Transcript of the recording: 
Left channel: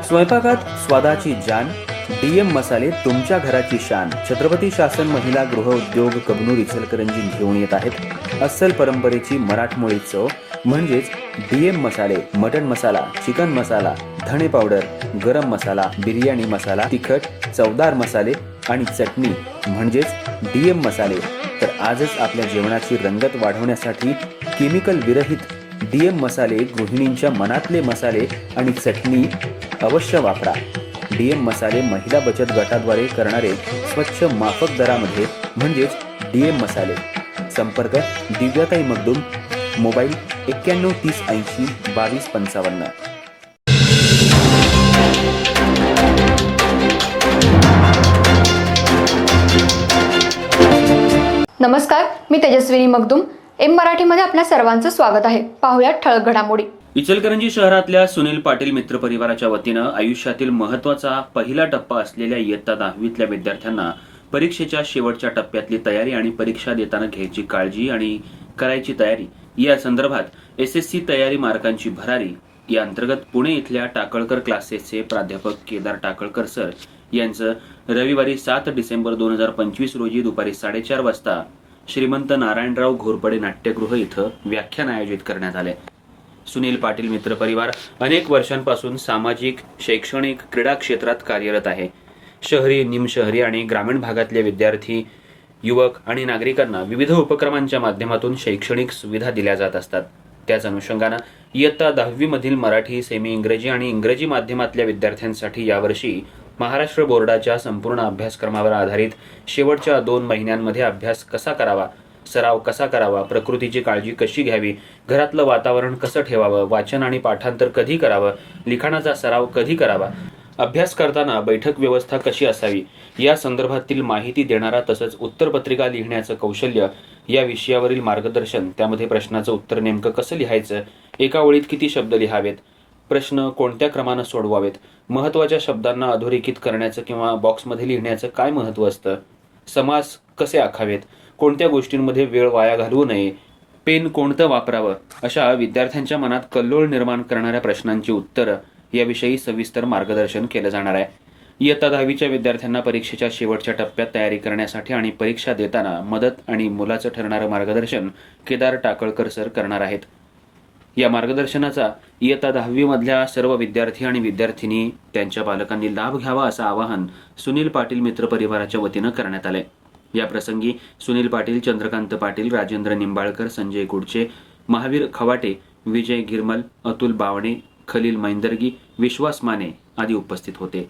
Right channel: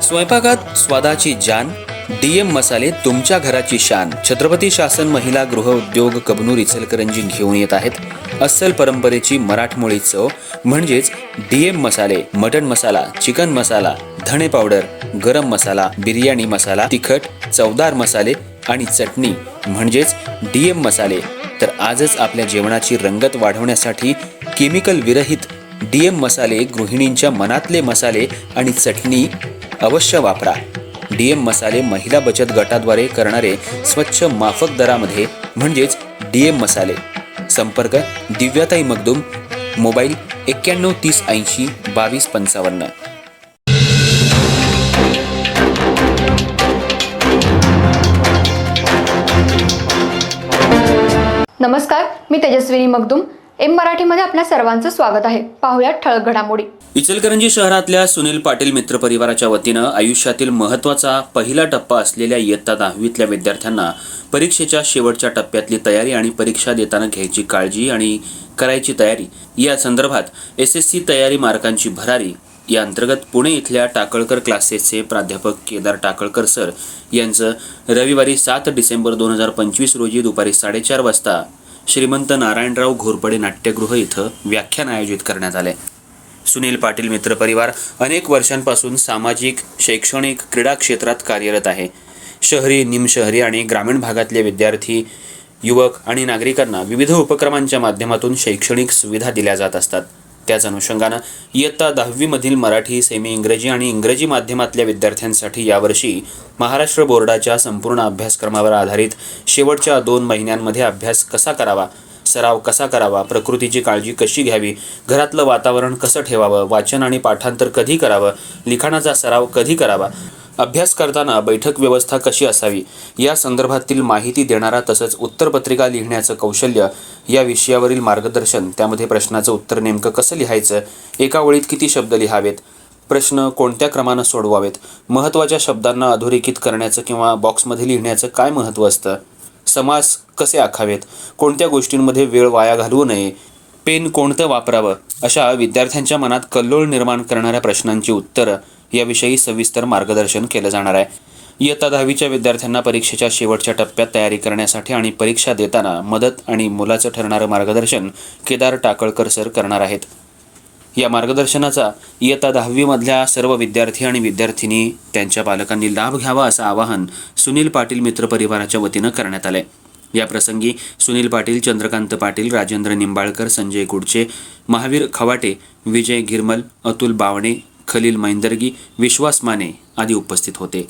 स्वयंपाकात स्वादाची जान, डीएम मसाले तुमच्या घराची शान. छत्रपती शासन महिला गृह उद्योग कबनूर इचलकरंजी घेऊन येत आहेत अस्सल परंपरेची मराठमोळी चव म्हणजेच डीएम मसाले. मटन मसाला, चिकन मसाला, धणे पावडर, गरम मसाला, बिर्याणी मसाला, तिखट चवदार मसाले आणि चटणी म्हणजेच डीएम मसाले. तर आजच आपल्या जेवणाची रंगत वाढवण्यासाठी केमिकल विरहित डीएम मसाले, गृहिणींच्या मनातले मसाले आणि चटणी अवश्य वापरा. डीएम मसाले महिला बचत गटाद्वारे करणारे स्वच्छ माफक दरामध्ये म्हणजेच डीएम मसाले. संपर्क दिव्याताई मगदूम, मोबाईल 91 30 80 22 55. नमस्कार, मी तेजस्विनी मगदूम. एम मराठीमध्ये आपल्या सर्वांचं स्वागत आहे. पाहूयात ठळक घडामोडी. इचलकरंजी शहरातल्या सुनील पाटील मित्र परिवाराच्या वतीनं आयुष्यातील महत्त्वाचा पहिला टप्पा असलेल्या इयत्ता 10वीतल्या विद्यार्थ्यांना परीक्षेच्या शेवटच्या टप्प्यातली तयारी आणि परीक्षा देताना घ्यायची काळजी आणि करायची तयारी या संदर्भात SSC तयारी मार्कांची भरारी या अंतर्गत पुणे इथल्या टाकळकर क्लासेसचे प्राध्यापक केदार टाकळकर सर यांचं रविवारी 7 डिसेंबर 2025 रोजी दुपारी 4:30 वाजता श्रीमंत नारायणराव घोरपडे नाट्यगृह इथं व्याख्यान आयोजित करण्यात आले. सुनील पाटील मित्र परिवार अनेक वर्षांपासून सामाजिक, शैक्षणिक, क्रीडा क्षेत्रात कार्यरत आहे. शहरी, निमशहरी आणि ग्रामीण भागातले विद्यार्थी, युवक आणि नागरिकांना विविध उपक्रमांच्या माध्यमातून शैक्षणिक सुविधा दिल्या जात असतात. त्याच अनुषंगानं इयत्ता 10वी मधील मराठी, सेमी इंग्रजी आणि इंग्रजी माध्यमातल्या विद्यार्थ्यांसाठी यावर्षी महाराष्ट्र बोर्डाच्या संपूर्ण अभ्यासक्रमावर आधारित शेवटच्या 2 महिन्यांमध्ये अभ्यास कसा करावा, सराव कसा करावा, प्रकृतीची काळजी कशी घ्यावी, घरातलं वातावरण कसं ठेवावं, वाचन आणि पाठांतर कधी करावं, लिखाणाचा सराव कधी करावा, अभ्यास करताना बैठक व्यवस्था कशी असावी या संदर्भातील माहिती देणारा तसंच उत्तरपत्रिका लिहिण्याचं कौशल्य या विषयावरील मार्गदर्शन, त्यामध्ये प्रश्नाचं उत्तर नेमकं कसं लिहायचं, एका ओळीत किती शब्द लिहावेत, प्रश्न कोणत्या क्रमानं सोडवावेत, महत्त्वाच्या शब्दांना अधोरेखित करण्याचं किंवा बॉक्समध्ये लिहिण्याचं काय महत्त्व असतं, समास कसे आखावेत, कोणत्या गोष्टींमध्ये वेळ वाया घालवू नये, पेन कोणतं वापरावं, अशा विद्यार्थ्यांच्या मनात कल्लोळ निर्माण करणाऱ्या प्रश्नांची उत्तरं याविषयी सविस्तर मार्गदर्शन केलं जाणार आहे. इयत्ता 10वीच्या विद्यार्थ्यांना परीक्षेच्या शेवटच्या टप्प्यात तयारी करण्यासाठी आणि परीक्षा देताना मदत आणि मोलाचं ठरणारं मार्गदर्शन केदार टाकळकर सर करणार आहेत. या मार्गदर्शनाचा इयत्ता 10वी मधल्या सर्व विद्यार्थी आणि विद्यार्थिनी त्यांच्या पालकांनी लाभ घ्यावा असं आवाहन सुनील पाटील मित्र परिवाराच्या वतीनं करण्यात आलंय. या प्रसंगी सुनील पाटील, चंद्रकांत पाटील, राजेंद्र निंबाळकर, संजय कुडचे, महावीर खवाटे, विजय गिरमल, अतुल बावणे, खलील मैंदर्गी, विश्वास माने आदी उपस्थित होते.